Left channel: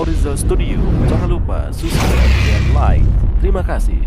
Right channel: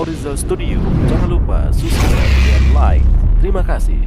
Orizel Studio. Jangan lupa subscribe dan like. Terima kasih.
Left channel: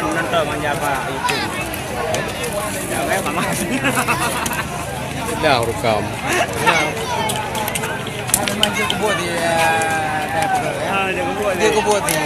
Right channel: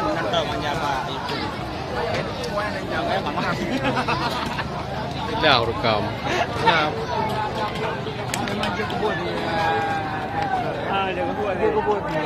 Nonton manja apa itu. Yang lain sama. Ya, rukau. Kalau manja kebun dia ada pegal ya. Dia kebun. Dia kebun ni.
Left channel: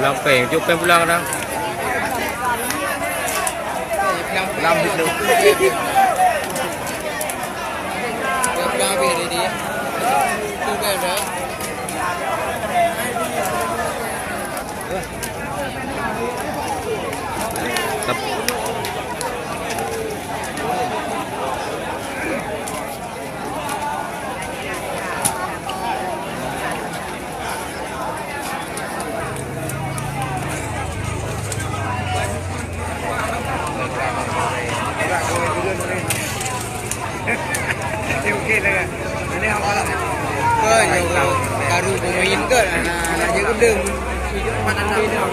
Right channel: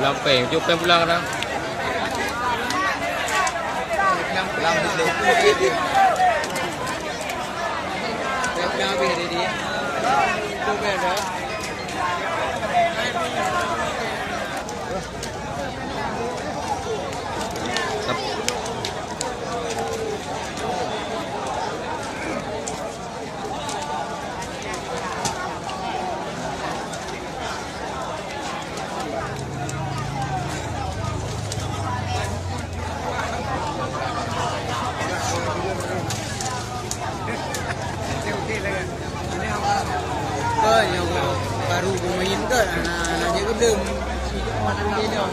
Lampai, itu bulan dah. làm thịt được. Oke lah. Ini apa lah? Baru pemain ke nak jaga đường panas đi đâu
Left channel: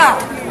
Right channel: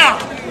Bang.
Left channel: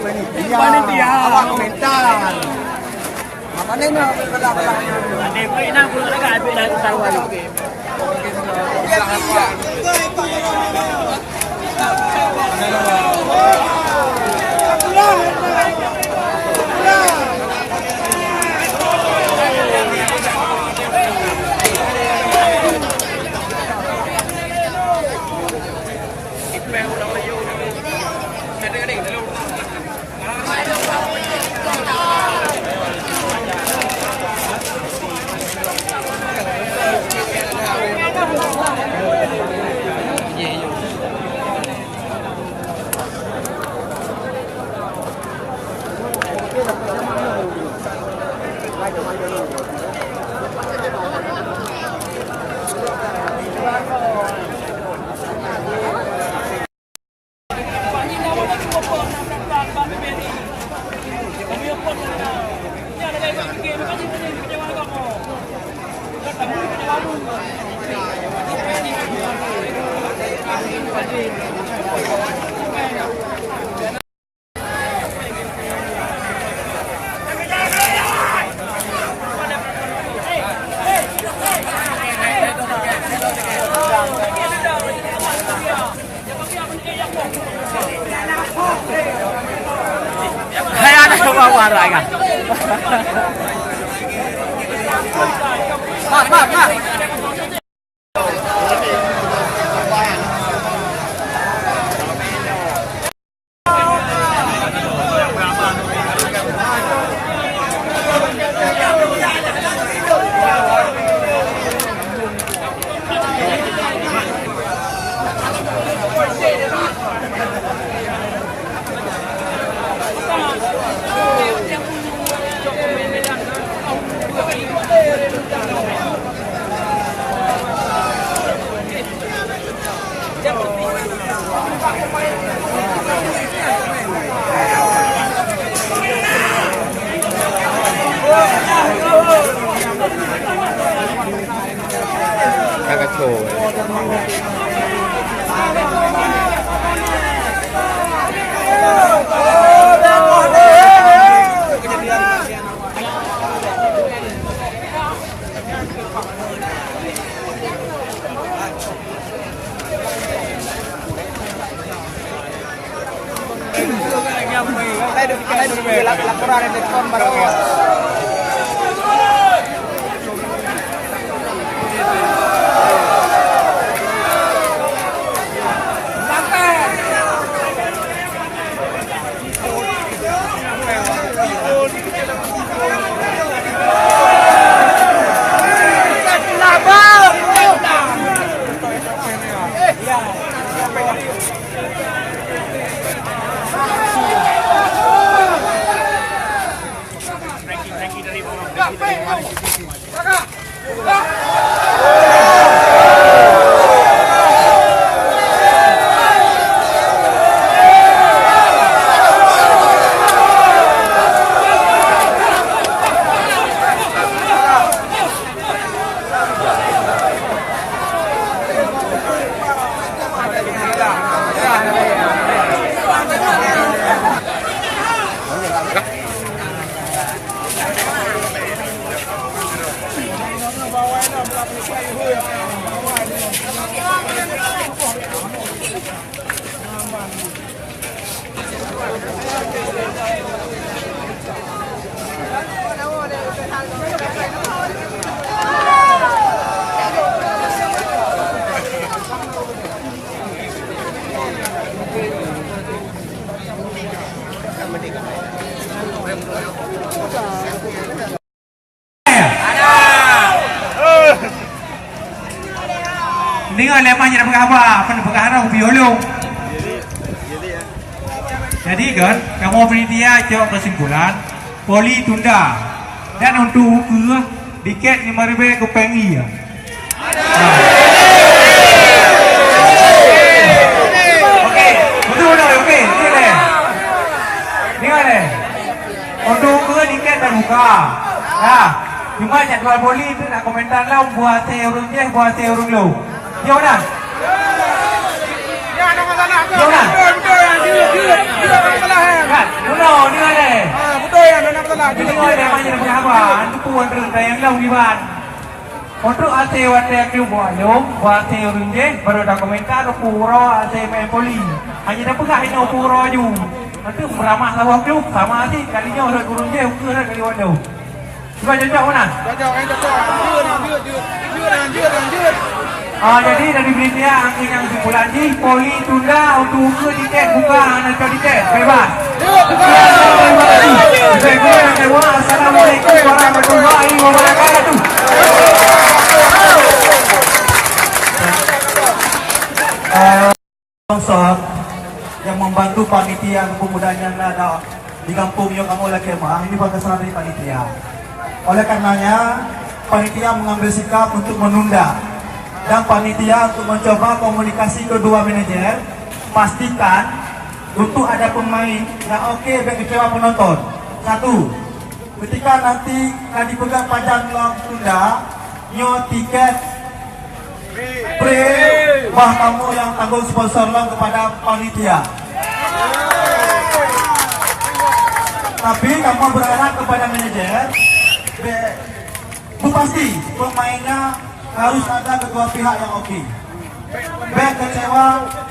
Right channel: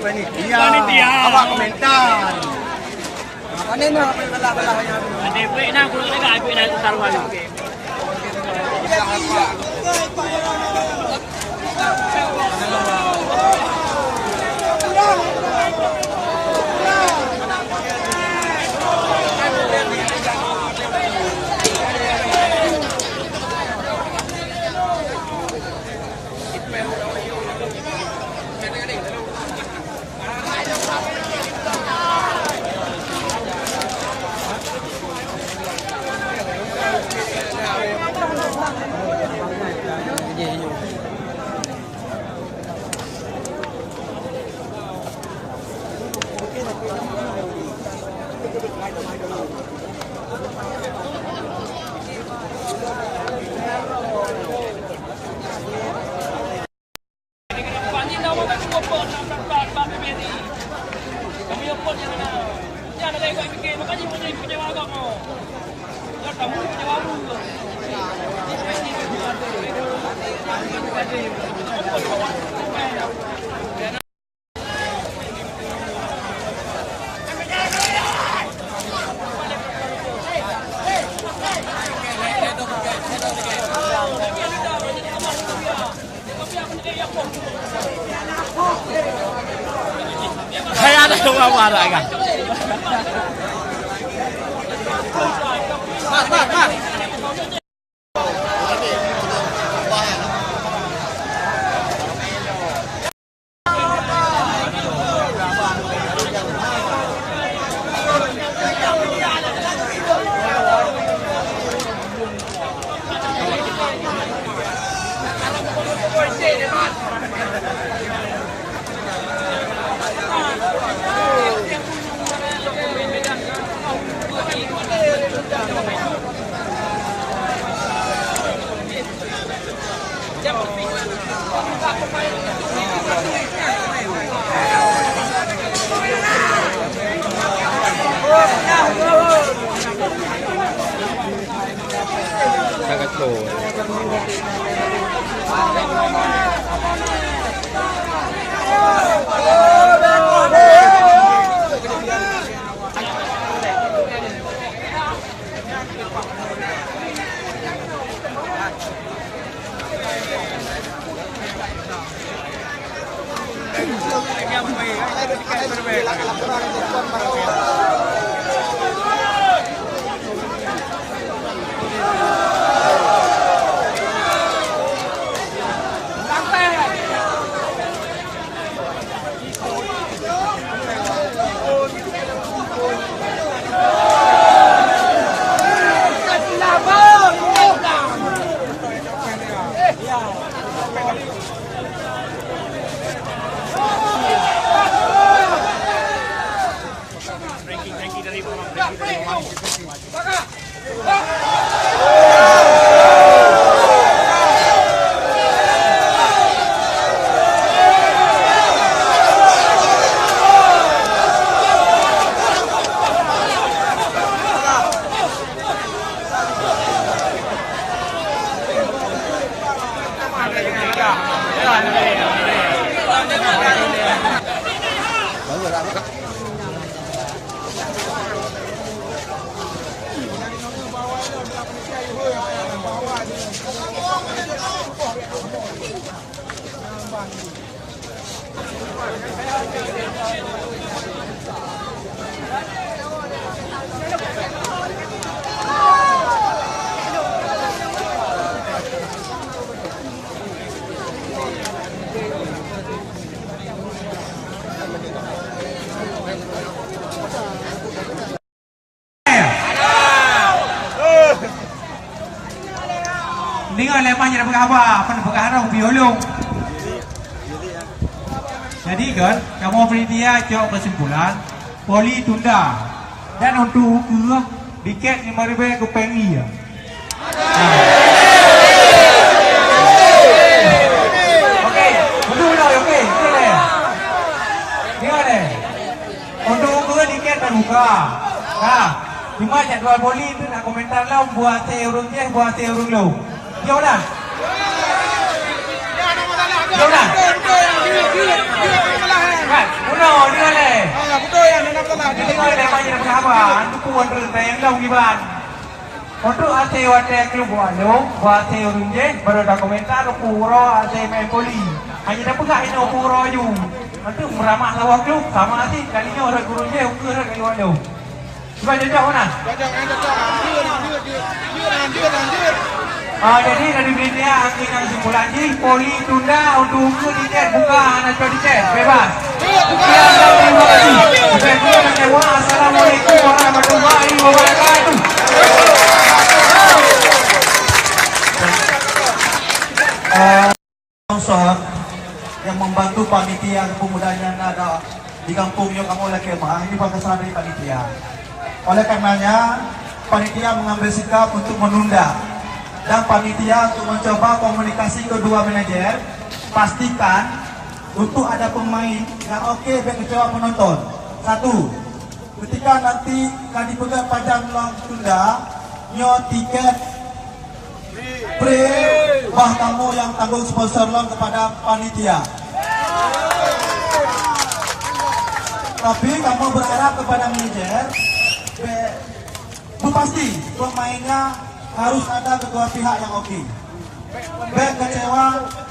Marah kah? Laporan telepon baru. Jadi kan, kamu panitia jawab kesimpulan, poli tunda. Dan untuk tiket 5.000 ke pengi ya. Cuma jadwal poli nak komentar lah buat orang dia buat orang lo. Dia dah. Ya, ada masalah. Betul yang dia masalah. Betul ni kan. Betul yang ada masalah. Dia banyak berhawan. Itu pun yang lau gibat. Untuk ate tu buat dong, buat orang dia baru dah komentar pura ate main poli. Hanya dah pegang ini pura ju. Nanti beramah lawak tu sama sih kalinya orang turun dia ke nak kali wadah. Cuba cocok mana? Cocok. Lanjut. Jadi dari media angkanya kesimpulan ini poli tunda untuk tiket buka nak tiket bebas. Assalamualaikum warahmatullahi wabarakatuh. Salam yang membantu panitia kebudayaan ada di kampung yang kamu lagi ini pada salah dari panitia. Oleh karenanya panitia mengambil sikap untuk menunda dan panitia untuk mencoba komunikasi kedua manajer, pastikan untuk ada pemain yang oke bagi kecewa penonton. Satu, ketika nanti kali pegang pajak dalam tunda, nyo tiket bah kamu yang tanggung sponsor lah kepada panitia. Tapi kamu berharap kepada manajer, itu pasti pemainnya harus ada kedua pihak yang oke. Baik kecewa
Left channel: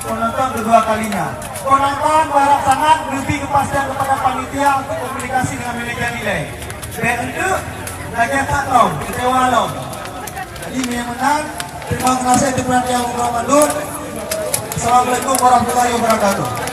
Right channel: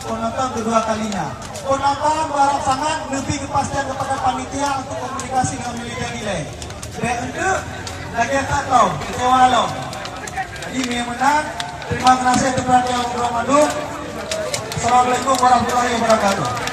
penonton kedua kalinya. Penonton berharap sangat lebih kepastian kepada panitia untuk komunikasi dengan manajer nilai. Baik itu lagi tak tahu kecewa loh. Jadi yang menang. Terima kasih kepada yang Ramadan. Assalamualaikum warahmatullahi wabarakatuh.